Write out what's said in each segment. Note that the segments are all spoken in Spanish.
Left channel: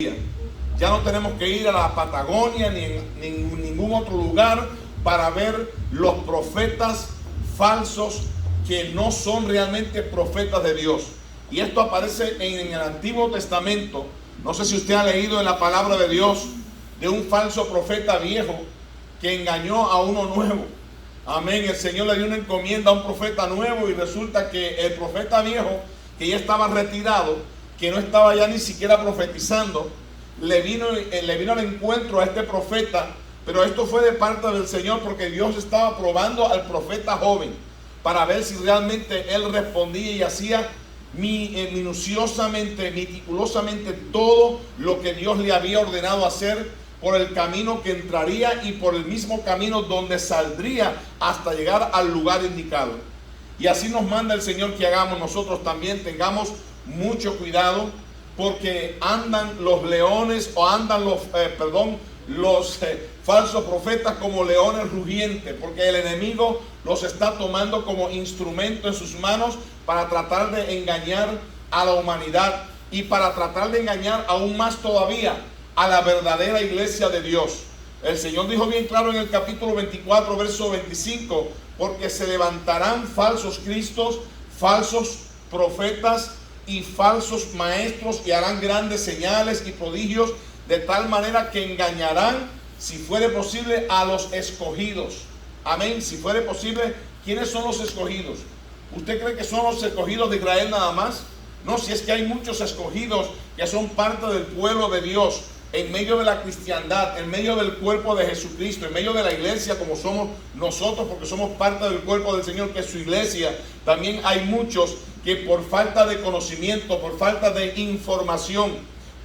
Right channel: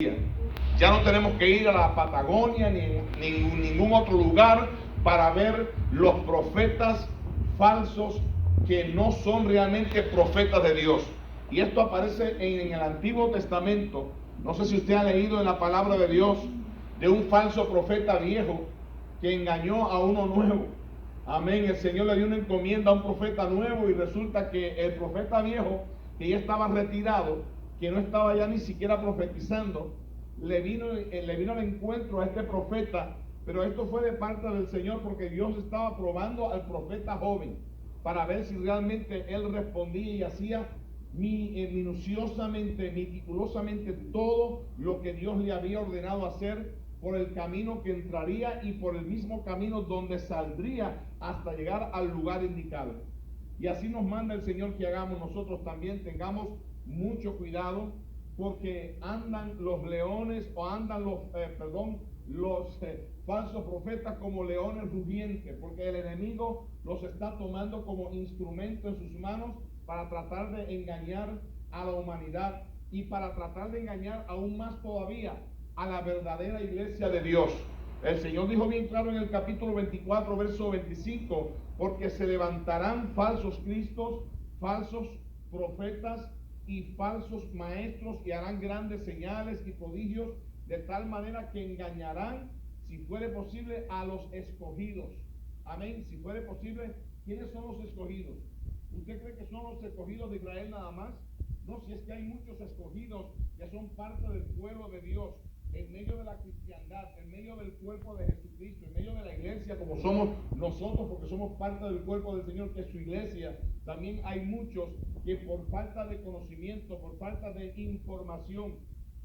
Ya no tenemos que ir a la Patagonia ni en ningún otro lugar para ver los profetas falsos que no son realmente profetas de Dios. Y esto aparece en el Antiguo Testamento. No sé si usted ha leído en la palabra de Dios de un falso profeta viejo que engañó a uno nuevo. Amén. El Señor le dio una encomienda a un profeta nuevo y resulta que el profeta viejo, que ya estaba retirado, que no estaba ya ni siquiera profetizando, le vino al encuentro a este profeta. Pero esto fue de parte del Señor, porque Dios estaba probando al profeta joven para ver si realmente él respondía y hacía minuciosamente, meticulosamente todo lo que Dios le había ordenado hacer, por el camino que entraría y por el mismo camino donde saldría hasta llegar al lugar indicado. Y así nos manda el Señor que hagamos nosotros también. Tengamos mucho cuidado, porque andan los leones, o andan los falsos profetas como leones rugientes, porque el enemigo los está tomando como instrumento en sus manos para tratar de engañar a la humanidad y para tratar de engañar aún más todavía a la verdadera iglesia de Dios. El Señor dijo bien claro en el capítulo 24, verso 25, porque se levantarán falsos cristos, falsos profetas y falsos maestros, y harán grandes señales y prodigios, de tal manera que engañarán, si fuere posible, a los escogidos. Amén. Si fuere posible. ¿Quiénes son los escogidos? ¿Usted cree que son los escogidos de Israel nada más? No, si es que hay muchos escogidos que son parte del pueblo de Dios, en medio de la cristiandad, en medio del cuerpo de Jesucristo, en medio de la iglesia como somos nosotros, porque somos parte del cuerpo del Señor, que es su iglesia. También hay muchos que por falta de conocimiento, por falta de información,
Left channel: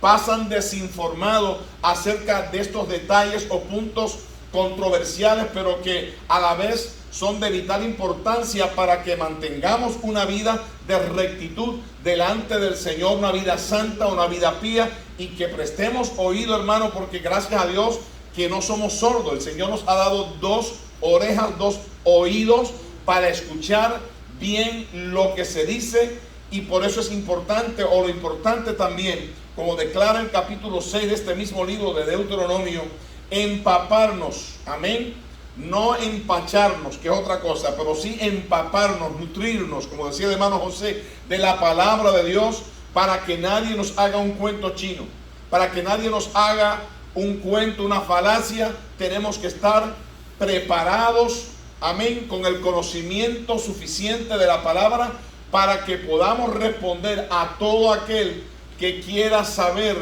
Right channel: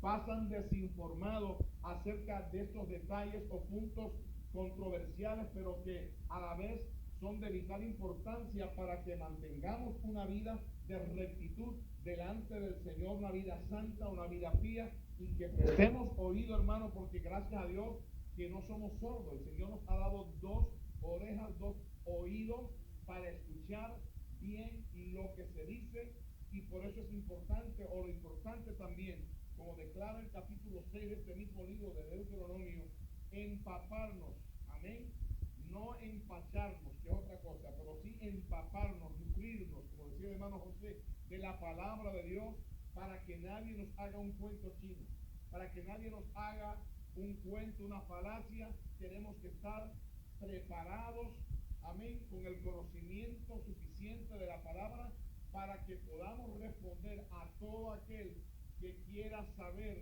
pasan desinformados acerca de estos detalles o puntos controversiales, pero que a la vez son de vital importancia para que mantengamos una vida de rectitud delante del Señor, una vida santa, una vida pía, y que prestemos oído, hermano, porque gracias a Dios que no somos sordos. El Señor nos ha dado dos orejas, dos oídos para escuchar bien lo que se dice, y por eso es importante, o lo importante también, como declara el capítulo 6 de este mismo libro de Deuteronomio, empaparnos, amén, no empacharnos, que es otra cosa, pero sí empaparnos, nutrirnos, como decía el hermano José, de la palabra de Dios, para que nadie nos haga un cuento chino, para que nadie nos haga un cuento, una falacia. Tenemos que estar preparados, amén, con el conocimiento suficiente de la palabra, para que podamos responder a todo aquel que quiera saber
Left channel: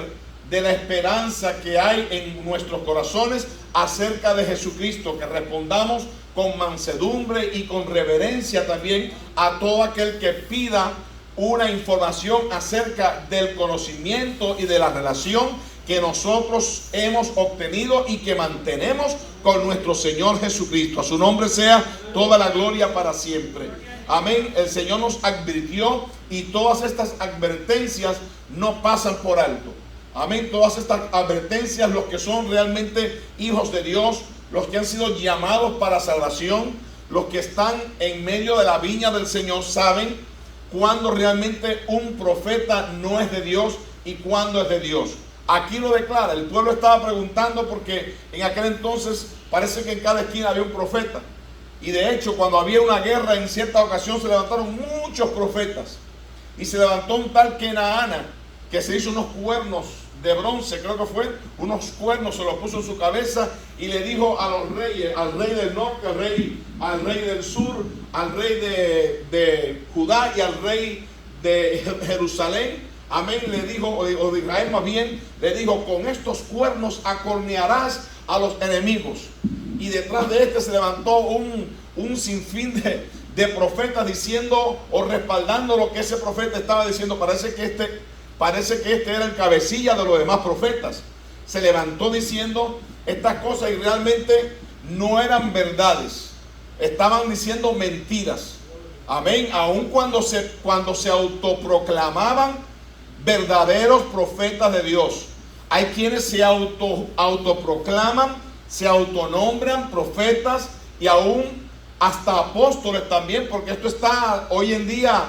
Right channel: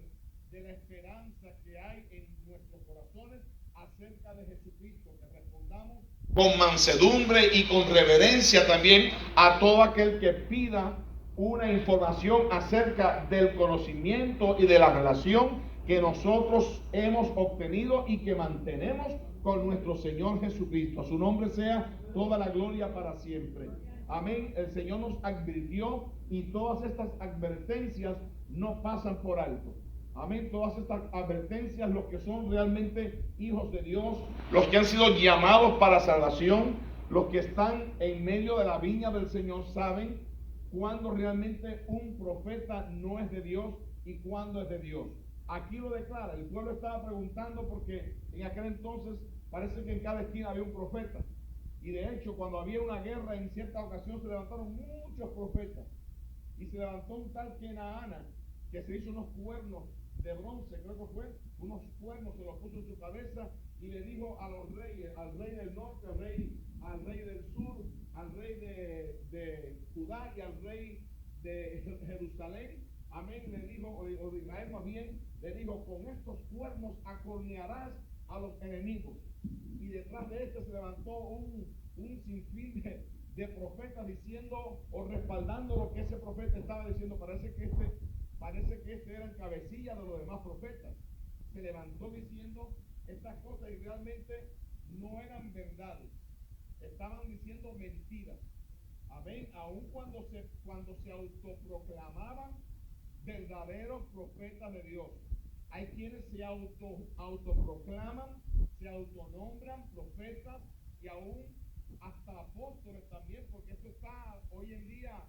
de la esperanza que hay en nuestros corazones acerca de Jesucristo, que respondamos con mansedumbre y con reverencia también a todo aquel que pida una información acerca del conocimiento y de la relación que nosotros hemos obtenido y que mantenemos con nuestro Señor Jesucristo. A su nombre sea toda la gloria para siempre. Amén. El Señor nos advirtió, y todas estas advertencias no pasan por alto. Amén. Todas estas advertencias, los que son realmente hijos de Dios, los que han sido llamados para salvación, los que están en medio de la viña del Señor, saben cuándo realmente un profeta no es de Dios y cuándo es de Dios. Aquí lo declara. El pueblo estaba preguntando, porque en aquel entonces parece que en cada esquina había un profeta. Y de hecho, cuando había una guerra, en cierta ocasión se levantaron muchos profetas. Y se levantó un tal Kenaana, que se hizo unos cuernos de bronce, creo que fue, unos cuernos se los puso en su cabeza, y le dijo a los reyes, al rey del norte, al rey del sur, al rey de Judá y al rey de Jerusalén, amén, le dijo, o de Israel más bien, le dijo: con estos cuernos acornearás a los enemigos. Y detrás de este se levantó un sinfín de profetas diciendo o respaldando lo que ese profeta estaba diciendo. Parece que este era el cabecilla de los demás profetas. Se levantó diciendo estas cosas y realmente no eran verdades. Estaban diciendo mentiras. Amén. Aun cuando se autoproclamaban verdaderos profetas de Dios. Hay quienes se autoproclaman, se autonombran profetas, y aún hasta apóstoles también, porque esto está hoy en día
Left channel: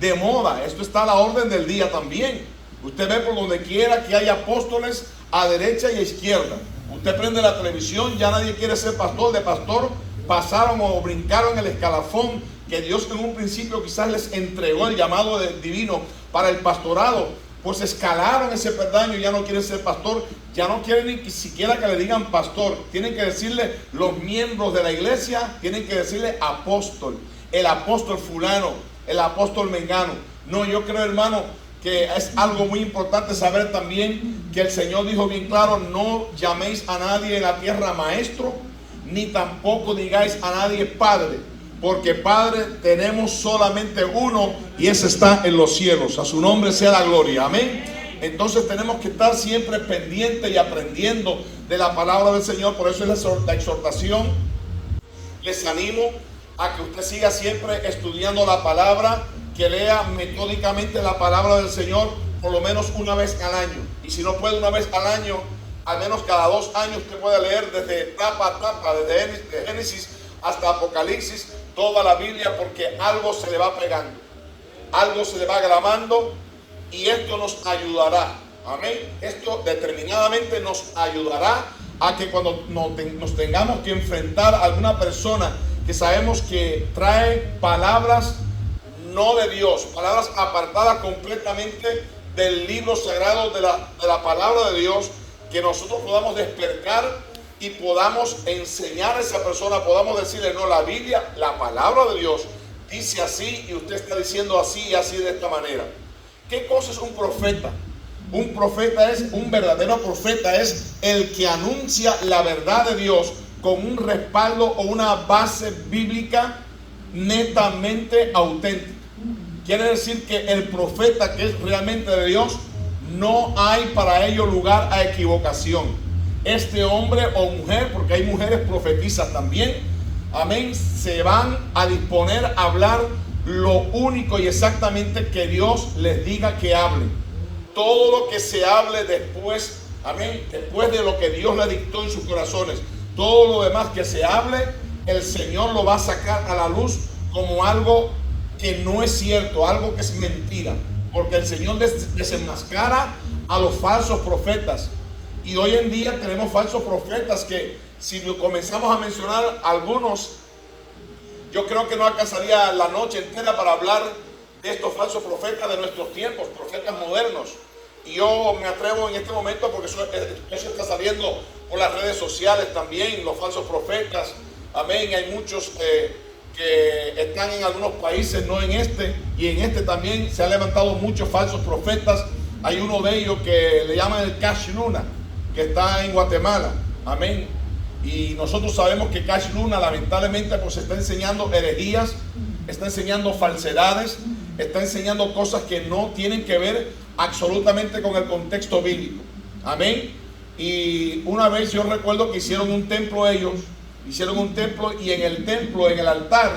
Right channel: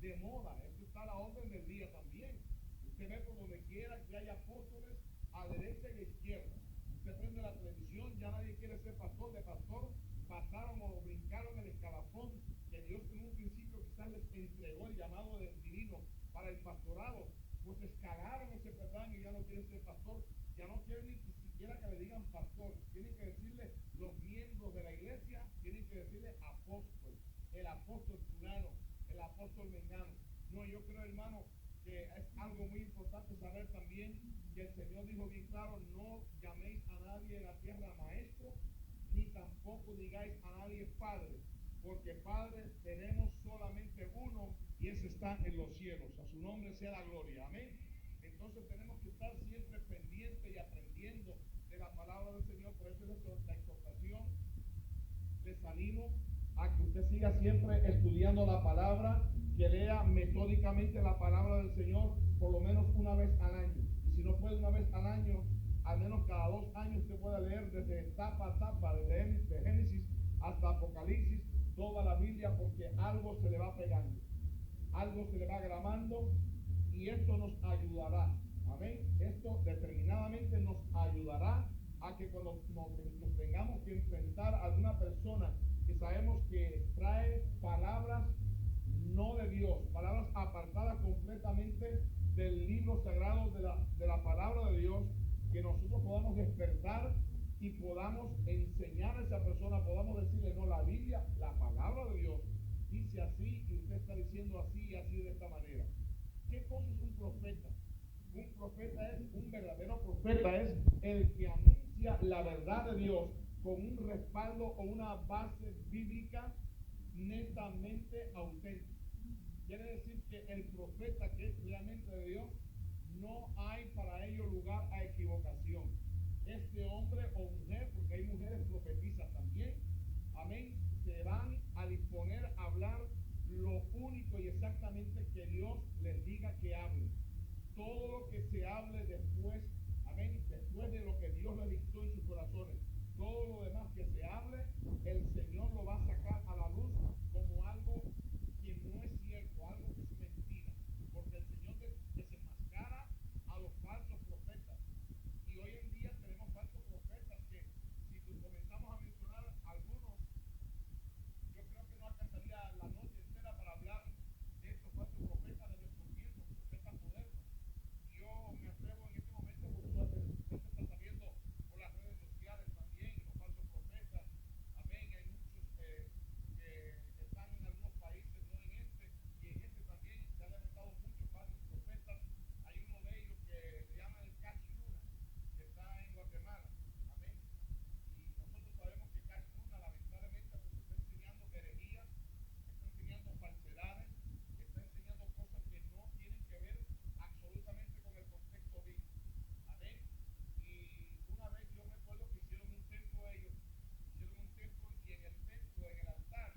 de moda. Esto está a la orden del día también. Usted ve por donde quiera que hay apóstoles a derecha y a izquierda. Usted prende la televisión, ya nadie quiere ser pastor. De pastor pasaron o brincaron el escalafón que Dios en un principio quizás les entregó el llamado divino para el pastorado. Pues escalaron ese peldaño, ya no quieren ser pastor, ya no quieren ni siquiera que le digan pastor. Tienen que decirle los miembros de la iglesia, tienen que decirle apóstol, el apóstol fulano, el apóstol mengano. No, yo creo, hermano, que es algo muy importante saber también que el Señor dijo bien claro: no llaméis a nadie en la tierra maestro, ni tampoco digáis a nadie padre, porque Padre tenemos solamente uno, y ese está en los cielos. A su nombre sea la gloria. Amén. Entonces tenemos que estar siempre pendientes y aprendiendo de la palabra del Señor. Por eso es la exhortación. Les animo a que usted siga siempre estudiando la palabra, que lea metódicamente la palabra del Señor por lo menos una vez al año. Y si no puede una vez al año, al menos cada 2 años usted puede leer desde tapa a tapa, desde Génesis hasta Apocalipsis, toda la Biblia, porque algo se le va pegando, algo se le va grabando, y esto nos ayudará. Amén. Esto determinadamente nos ayudará a que cuando nos tengamos que enfrentar a alguna persona que sabemos que trae palabras no de Dios, palabras apartadas completamente del libro sagrado de la palabra de Dios, que nosotros podamos despertar y podamos enseñar a esa persona, podamos decirle: no, la Biblia, la palabra de Dios dice así, y usted está diciendo así y así de esta manera. ¿Qué cosa es un profeta? Un profeta es, un verdadero profeta es el que anuncia la verdad de Dios con un respaldo o una base bíblica netamente auténtica. Quiere decir que el profeta que es realmente de Dios, no hay para ello lugar a equivocación. Este hombre o mujer, porque hay mujeres profetizas también, amén, se van a disponer a hablar lo único y exactamente que Dios les diga que hablen. Todo lo que se hable después, amén, después de lo que Dios le dictó en sus corazones, todo lo demás que se hable, el Señor lo va a sacar a la luz como algo que no es cierto, algo que es mentira, porque el Señor desenmascara a los falsos profetas. Y hoy en día tenemos falsos profetas que, si lo comenzamos a mencionar algunos, yo creo que no alcanzaría la noche entera para hablar de estos falsos profetas de nuestros tiempos, profetas modernos. Y yo me atrevo en este momento, porque eso está saliendo por las redes sociales también, los falsos profetas. Amén. Hay muchos que están en algunos países, no en este, y en este también se han levantado muchos falsos profetas. Hay uno de ellos que le llaman el Cash Luna, que está en Guatemala. Amén. Y nosotros sabemos que Cash Luna lamentablemente pues está enseñando herejías, está enseñando falsedades, está enseñando cosas que no tienen que ver absolutamente con el contexto bíblico. Amén. Y una vez yo recuerdo que hicieron un templo ellos, y en el templo, en el altar,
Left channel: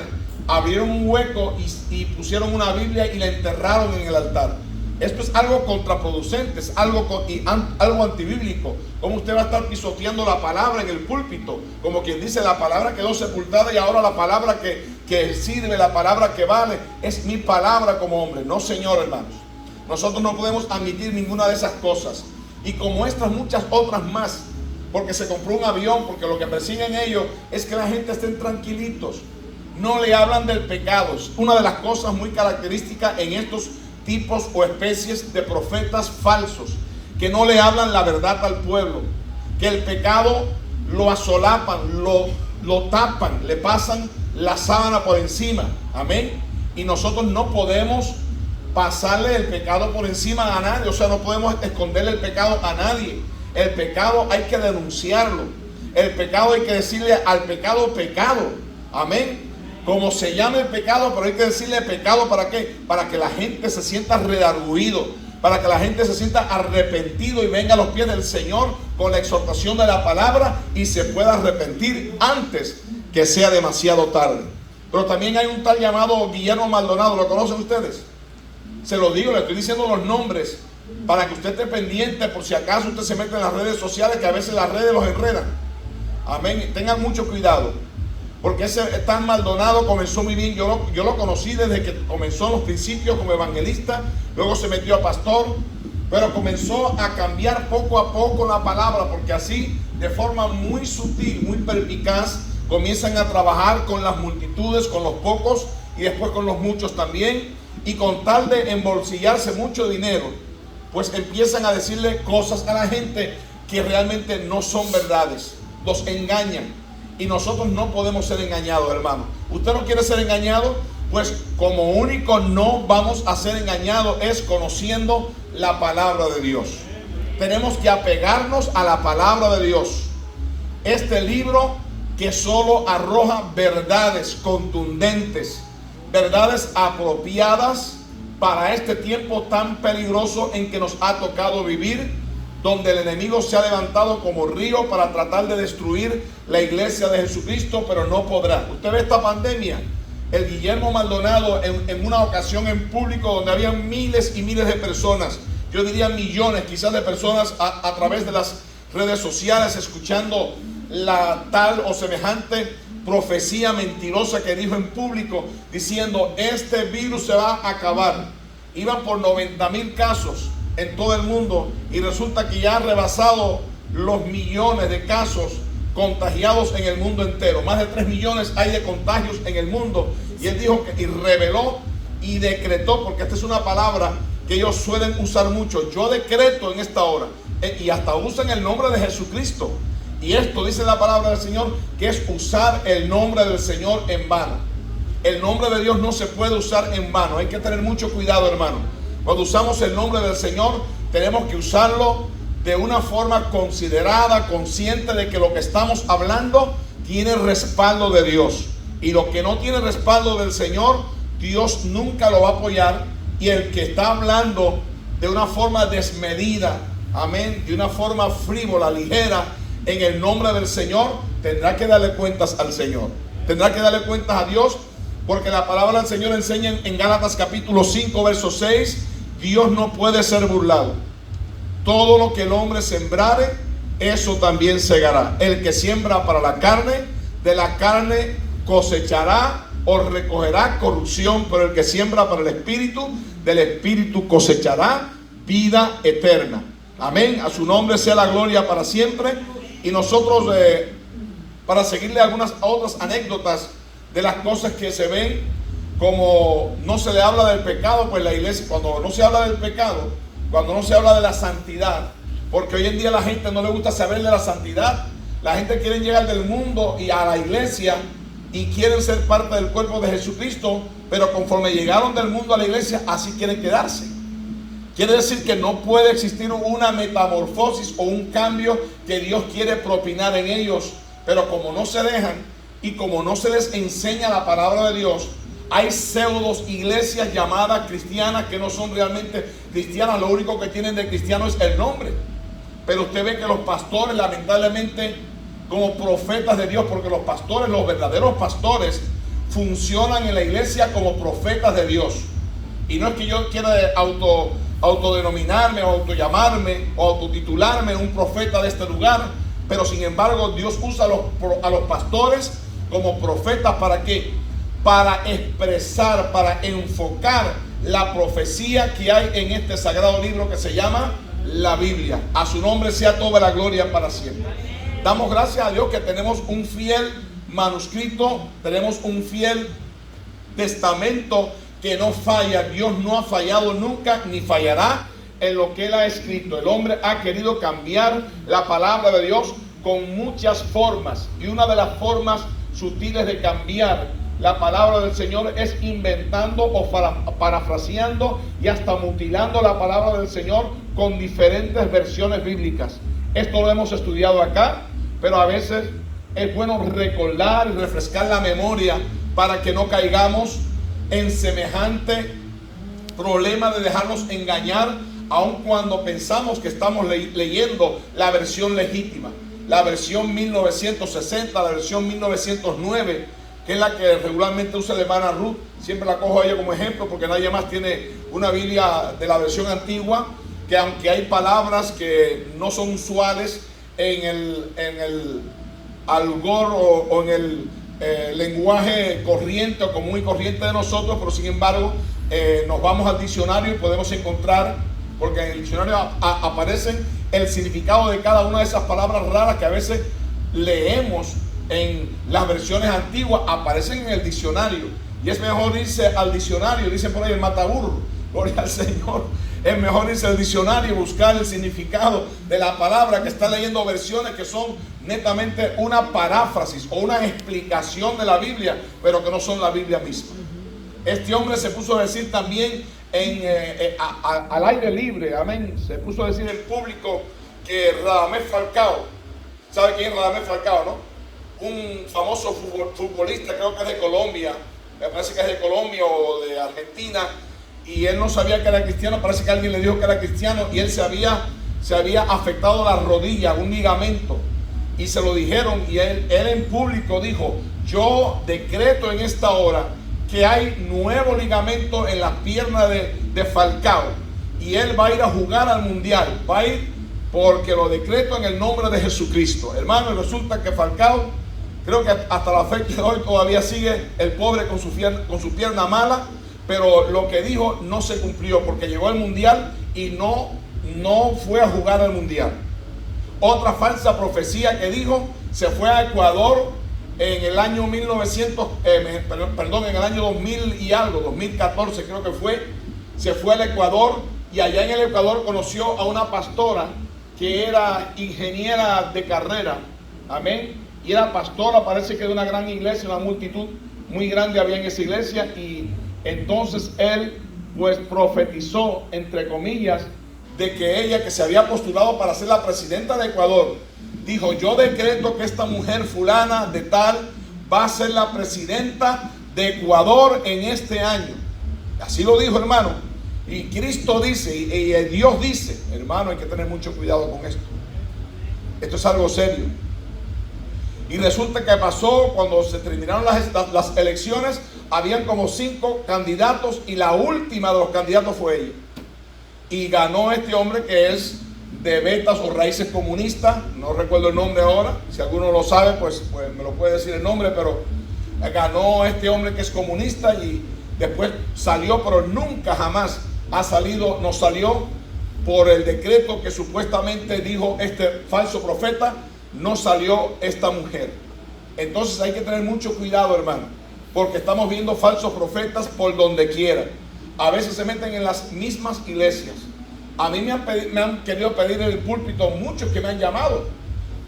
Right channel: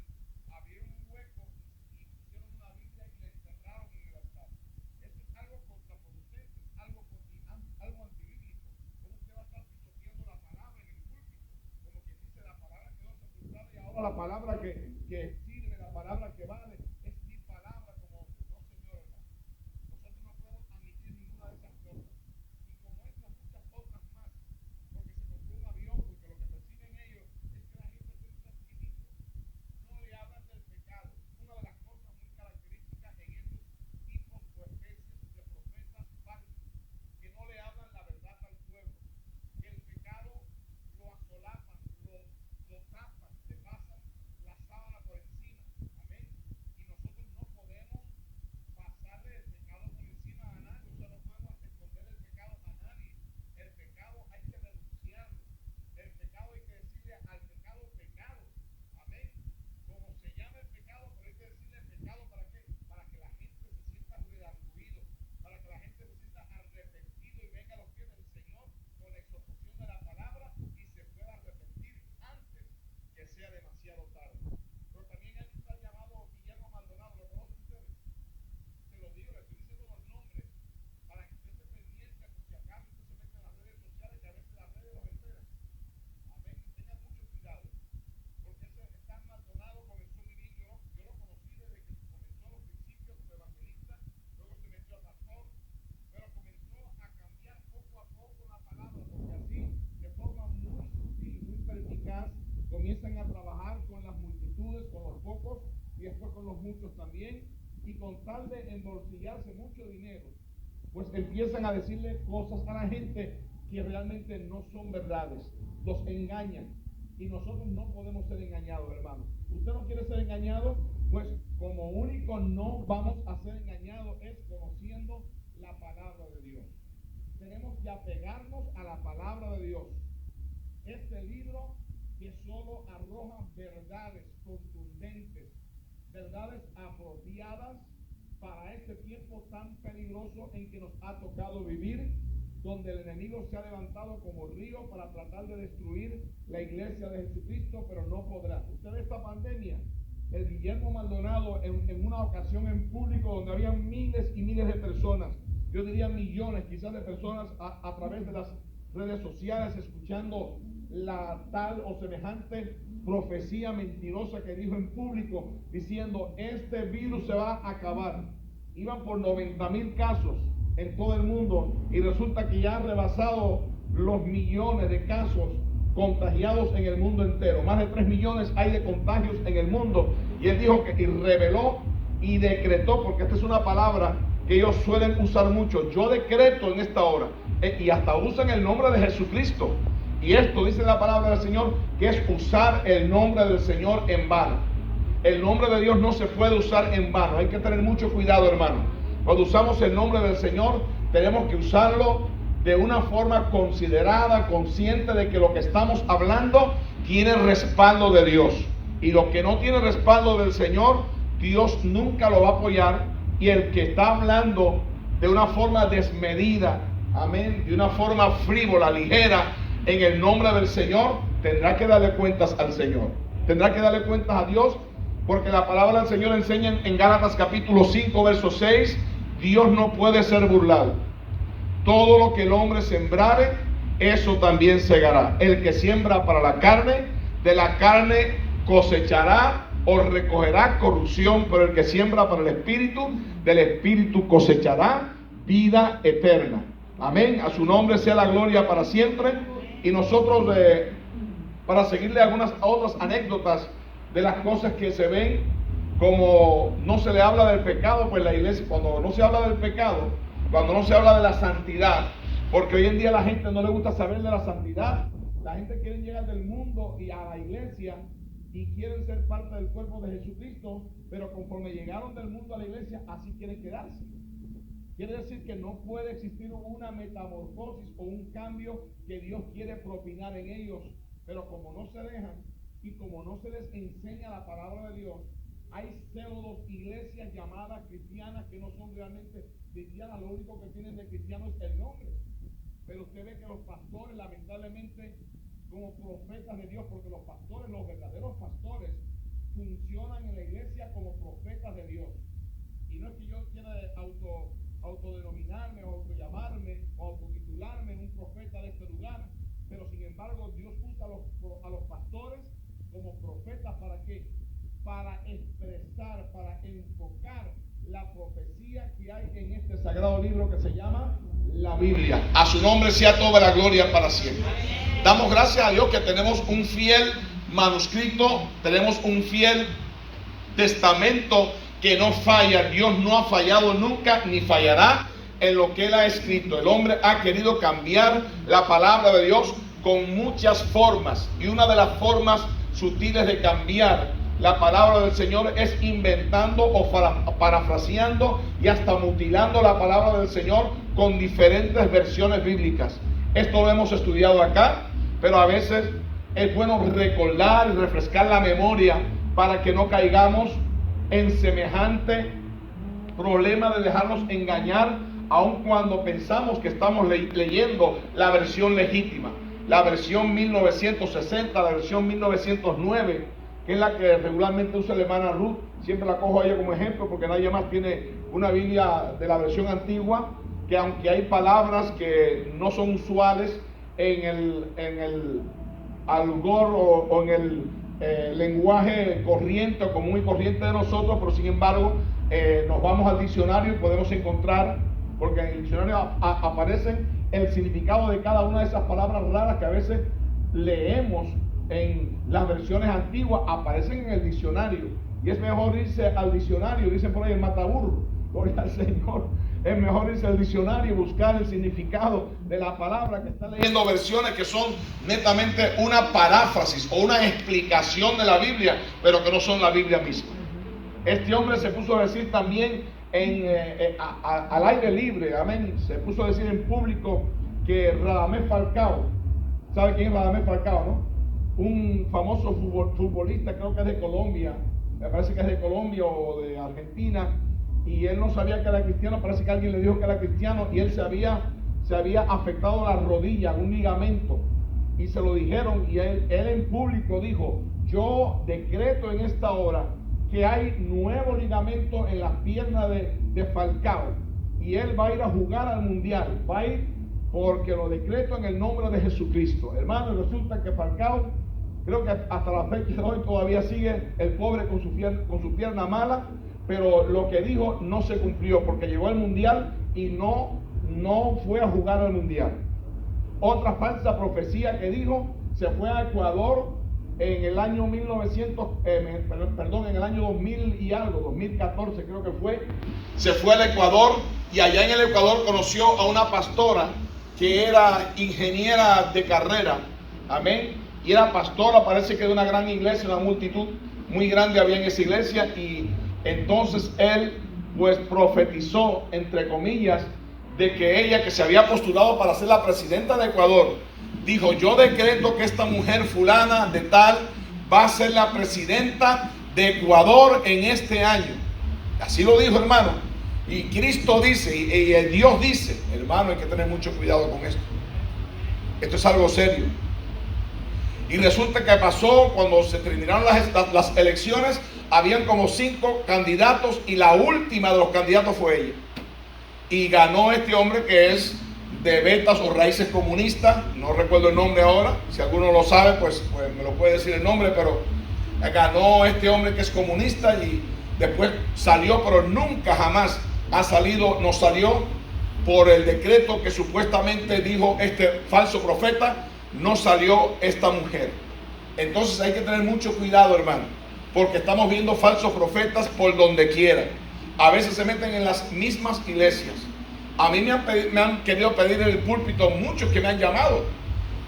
abrieron un hueco y pusieron una Biblia y la enterraron en el altar. Esto es algo contraproducente, es algo antibíblico. ¿Cómo usted va a estar pisoteando la palabra en el púlpito? Como quien dice, la palabra quedó sepultada y ahora la palabra que sirve, la palabra que vale, es mi palabra como hombre. No, Señor, hermanos. Nosotros no podemos admitir ninguna de esas cosas. Y como estas, muchas otras más. Porque se compró un avión, porque lo que persiguen ellos es que la gente estén tranquilitos. No le hablan del pecado. Es una de las cosas muy características en estos tipos o especies de profetas falsos, que no le hablan la verdad al pueblo, que el pecado lo asolapan, lo tapan, le pasan la sábana por encima. Amén. Y nosotros no podemos pasarle el pecado por encima a nadie, o sea, no podemos esconderle el pecado a nadie. El pecado hay que denunciarlo. El pecado hay que decirle al pecado pecado. Amén. Como se llama el pecado, pero hay que decirle pecado, ¿para qué? Para que la gente se sienta redarguido, para que la gente se sienta arrepentido y venga a los pies del Señor con la exhortación de la palabra y se pueda arrepentir antes que sea demasiado tarde. Pero también hay un tal llamado Guillermo Maldonado, ¿lo conocen ustedes? Se lo digo, le estoy diciendo los nombres para que usted esté pendiente por si acaso usted se mete en las redes sociales, que a veces las redes los enredan. Amén. Tengan mucho cuidado, porque ese tan Maldonado comenzó muy bien. Yo lo conocí desde que comenzó en los principios como evangelista, luego se metió a pastor pero comenzó a cambiar poco a poco la palabra, porque así, de forma muy sutil, muy perspicaz, comienzan a trabajar con las multitudes, con los pocos y después con los muchos también, y con tal de embolsillarse mucho dinero, pues empiezan a decirle cosas a la gente que realmente no son verdades, los engañan, y nosotros no podemos ser engañados, hermano. ¿Usted no quiere ser engañado? Pues como único no vamos a ser engañados es conociendo la palabra de Dios. Tenemos que apegarnos a la palabra de Dios. Este libro que solo arroja verdades contundentes, verdades apropiadas para este tiempo tan peligroso en que nos ha tocado vivir, donde el enemigo se ha levantado como río para tratar de destruir la iglesia de Jesucristo, pero no podrá. Usted ve esta pandemia. El Guillermo Maldonado en una ocasión en público donde había miles y miles de personas, yo diría millones quizás de personas a través de las redes sociales, escuchando la tal o semejante profecía mentirosa que dijo en público, diciendo este virus se va a acabar. Iban por 90,000 casos en todo el mundo y resulta que ya ha rebasado los millones de casos contagiados en el mundo entero. Más de 3 millones hay de contagios en el mundo. Y él dijo que, y reveló y decretó, porque esta es una palabra que ellos suelen usar mucho. Yo decreto en esta hora, y hasta usan el nombre de Jesucristo. Y esto dice la palabra del Señor, que es usar el nombre del Señor en vano. El nombre de Dios no se puede usar en vano. Hay que tener mucho cuidado, hermano. Cuando usamos el nombre del Señor, tenemos que usarlo de una forma considerada, consciente de que lo que estamos hablando tiene respaldo de Dios. Y lo que no tiene respaldo del Señor, Dios nunca lo va a apoyar. Y el que está hablando de una forma desmedida, amén, de una forma frívola, ligera, en el nombre del Señor, tendrá que darle cuentas al Señor. Tendrá que darle cuentas a Dios, porque la palabra del Señor enseña en Gálatas capítulo 5, verso 6, Dios no puede ser burlado. Todo lo que el hombre sembrare, eso también segará. El que siembra para la carne, de la carne cosechará o recogerá corrupción, pero el que siembra para el Espíritu, del Espíritu cosechará vida eterna. Amén. A su nombre sea la gloria para siempre. Y nosotros, para seguirle algunas otras anécdotas de las cosas que se ven, como no se le habla del pecado, pues la iglesia, cuando no se habla del pecado, cuando no se habla de la santidad, porque hoy en día a la gente no le gusta saber de la santidad. La gente quiere llegar del mundo y a la iglesia y quieren ser parte del cuerpo de Jesucristo, pero conforme llegaron del mundo a la iglesia, así quieren quedarse. Quiere decir que no puede existir una metamorfosis o un cambio que Dios quiere propinar en ellos, pero como no se dejan y como no se les enseña la palabra de Dios, hay pseudos iglesias llamadas cristianas que no son realmente cristianas. Lo único que tienen de cristiano es el nombre. Pero usted ve que los pastores, lamentablemente, como profetas de Dios, porque los pastores, los verdaderos pastores, funcionan en la iglesia como profetas de Dios. Y no es que yo quiera autodenominarme o autollamarme o autotitularme un profeta de este lugar, pero sin embargo Dios usa a los pastores como profetas. ¿Para qué? Para expresar, para enfocar la profecía que hay en este sagrado libro que se llama la Biblia. A su nombre sea toda la gloria para siempre. Damos gracias a Dios que tenemos un fiel manuscrito, tenemos un fiel testamento que no falla. Dios no ha fallado nunca ni fallará en lo que Él ha escrito. El hombre ha querido cambiar la palabra de Dios con muchas formas, y una de las formas sutiles de cambiar la palabra del Señor es inventando o parafraseando y hasta mutilando la palabra del Señor con diferentes versiones bíblicas. Esto lo hemos estudiado acá, pero a veces es bueno recordar y refrescar la memoria para que no caigamos en semejante problema de dejarnos engañar, aun cuando pensamos que estamos leyendo la versión legítima, la versión 1960, la versión 1909, que es la que regularmente usa la hermana Ruth. Siempre la cojo a ella como ejemplo porque nadie más tiene una Biblia de la versión antigua, que aunque hay palabras que no son usuales en el algor o en el lenguaje corriente o común y corriente de nosotros, pero sin embargo nos vamos al diccionario y podemos encontrar porque en el diccionario aparecen el significado de cada una de esas palabras raras que a veces leemos en las versiones antiguas, aparecen en el diccionario. Y es mejor irse al diccionario, dicen por ahí el mataburro, gloria al Señor. Es mejor irse al diccionario y buscar el significado de la palabra, que está leyendo versiones que son netamente una paráfrasis o una explicación de la Biblia, pero que no son la Biblia misma. Este hombre se puso a decir también al aire libre, amén, se puso a decir en público que Radamés Falcao, ¿sabe quién es Radamés Falcao, no? Un famoso futbolista, creo que es de Colombia, me parece que es de Colombia o de Argentina, y él no sabía que era cristiano. Parece que alguien le dijo que era cristiano y él se había afectado la rodilla, un ligamento, y se lo dijeron, y él en público dijo: yo decreto en esta hora que hay nuevo ligamento en las piernas de Falcao, y él va a ir a jugar al mundial, va a ir porque lo decreto en el nombre de Jesucristo. Hermano, resulta que Falcao, creo que hasta la fecha de hoy todavía sigue el pobre con su pierna mala, pero lo que dijo no se cumplió, porque llegó al mundial y no fue a jugar al mundial. Otra falsa profecía que dijo: se fue a Ecuador en el año en el año 2000 y algo, 2014 creo que fue. Se fue al Ecuador y allá en el Ecuador conoció a una pastora que era ingeniera de carrera, amén, y era pastora, parece que de una gran iglesia, una multitud muy grande había en esa iglesia. Y entonces él pues profetizó, entre comillas, de que ella, que se había postulado para ser la presidenta de Ecuador, dijo: yo decreto que esta mujer fulana de tal va a ser la presidenta de Ecuador en este año. Así lo dijo, hermano. Y Cristo dice, y Dios dice, hermano, hay que tener mucho cuidado con esto. Esto es algo serio. Y resulta que pasó, cuando se terminaron las elecciones, habían como 5 candidatos y la última de los candidatos fue ella. Y ganó este hombre que es de Betas o Raíces Comunistas, no recuerdo el nombre ahora, si alguno lo sabe pues me lo puede decir el nombre, pero ganó este hombre que es comunista y después salió, pero nunca jamás nos salió por el decreto que supuestamente dijo este falso profeta. No salió esta mujer. Entonces hay que tener mucho cuidado, hermano, porque estamos viendo falsos profetas por donde quiera. A veces se meten en las mismas iglesias. A mí me han querido pedir en el púlpito, muchos que me han llamado:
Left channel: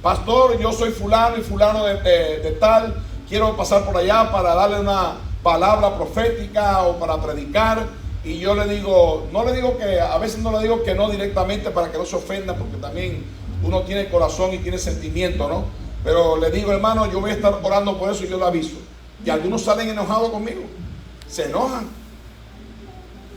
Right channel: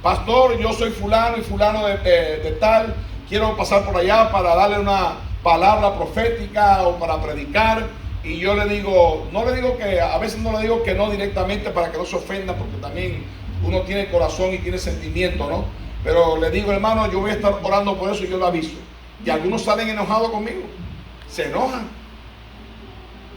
pastor, yo soy fulano y fulano de tal, quiero pasar por allá para darle una palabra profética o para predicar. Y yo le digo, a veces no le digo que no directamente para que no se ofenda, porque también uno tiene corazón y tiene sentimiento, ¿no? Pero le digo: hermano, yo voy a estar orando por eso y yo lo aviso. Y algunos salen enojados conmigo, se enojan.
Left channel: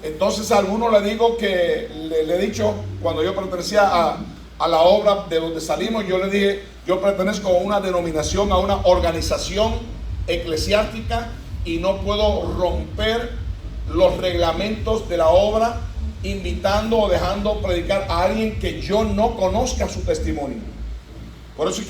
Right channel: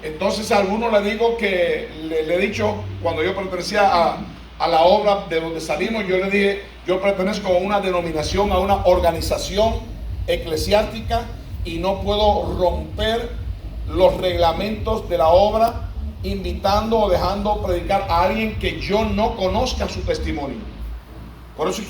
Entonces a algunos le digo que, le he dicho, cuando yo pertenecía a la obra de donde salimos, yo le dije: yo pertenezco a una denominación, a una organización eclesiástica, y no puedo romper los reglamentos de la obra invitando o dejando predicar a alguien que yo no conozca su testimonio. Por eso